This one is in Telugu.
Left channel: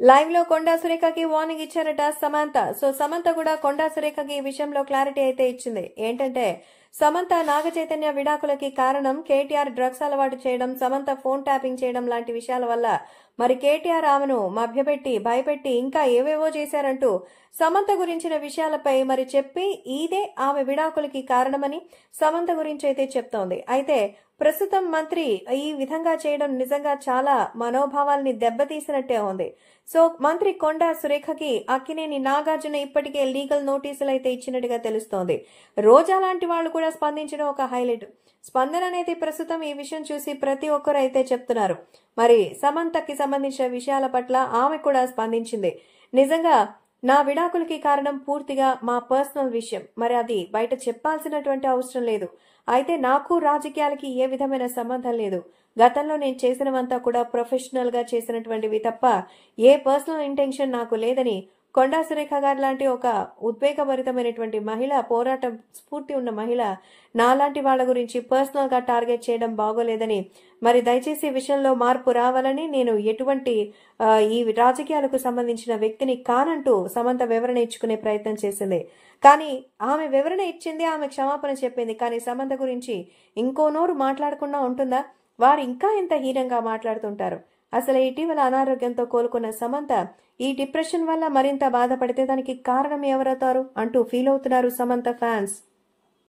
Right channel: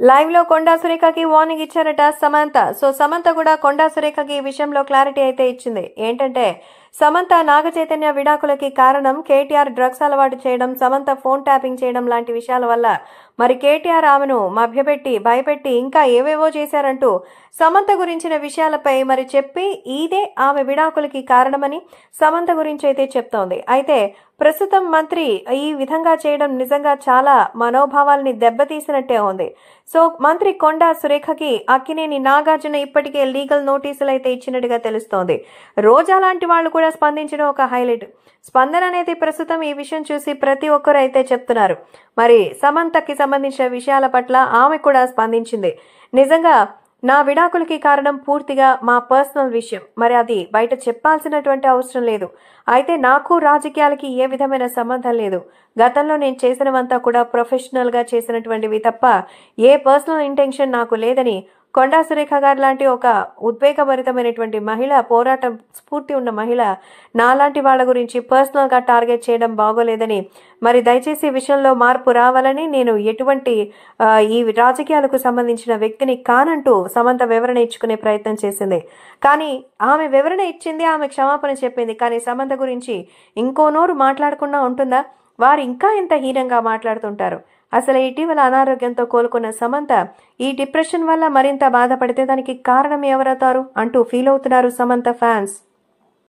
లైవ్ లో కొండా సురేఖకి వార్నింగ్ ఇచ్చారట సమంత. సో సమంత కూడా కొండా సురేఖకి ఈ విషయంలో క్లారిటీ అయితే ఇచ్చింది. ఏంటంటే సమంత నాగ చైతన్య విడాకులకి కారణం కేటీఆర్ డ్రగ్స్ అలవాటు చేయడం, సమంత ఫోన్ ట్యాపింగ్ చేయడం లాంటి విషయాల వల్ల మరి కేటీఆర్ ఆమెను మభ్యపెట్టి భయపెట్టి ఇంకా ఏవేవో చేశారంటూ సమంత గురించిన విషయాలపై మరి చెప్పి ఇదే ఆమె విడాకులకి కారణమని సమంత గురించి అయితే చెప్తోంది. అయితే ప్రస్తుతం మంత్రి ఈ విధంగా చేయడం నిజంగా చాలా మనోభావాల్ని దెబ్బతీసినట్టే ఉంది. సో మంత్రి కొండా సురేఖకి అక్కినేని నాగార్జున ఇప్పటికే లీగల్ నోటీసులు అయితే ఇచ్చినట్టుగా తెలుస్తోంది. రోజా లాంటి వాళ్ళు కూడా స్పందించడం ఒక హైలైట్. స్పందన అనేది ప్రస్తుతం ఈ విషయం చూసి ప్రతి ఒక్కరు అయితే చెప్తున్నారు. మరి సమంతకి సంబంధించిన విషయాల పట్ల ఆమె కూడా స్పందించింది. నిజంగా నా విడాకులకి కారణం పూర్తిగా మా పర్సనల్ విషయం, మరి అది బయట చెప్పాల్సినటువంటి అవసరం లేదు. అయితే నాకు రాజకీయాలకి ఏ విధమైన సంబంధం లేదు. గతంలో నేను చేసినవంతా కూడా ప్రొఫెషనల్ గా చేసినటువంటివి తప్ప ఏ పర్సనల్ ఇంటెన్షన్ నాకు లేదని కొండా సురేఖ గారు లాంటి ఒక ఉద్వేగభరితమైనటువంటి మహిళ, పోరాటం స్ఫూర్తి ఉన్న మహిళ నాలాంటి వాళ్ళ గురించి పర్సనల్ గా టార్గెట్ చేయడం బాగోలేదని, మరి దయచేసి విషయంలో మార్పు రావాలని, నేను ఎటువంటి ఈ రాజకీయాలకు సంబంధించిన వ్యక్తిని కానంటూ సమంత వివరణ ఇచ్చుకునే ప్రయత్నం చేసింది. కానీ ఆమె వివరణ ఇచ్చింది, ఆమె క్షమాపణ చెప్పింది. కానీ సమంత గురించి ఇంకో నోరు మాట్లాడకుండా ఉంటుందా? వారు ఇంకా ఎంత హీనంగా మాట్లాడుతుంటారు. అసలు ఇటీవల అనారోగ్యంతో కోలుకున్న సమంత ఈ డిప్రెషన్ వల్ల మరింత బాధపడితే దానికి కారణం ఎవరవుతారు అంటూ ఫీల్ అవుతున్నారు సమంత ఫ్యాన్స్.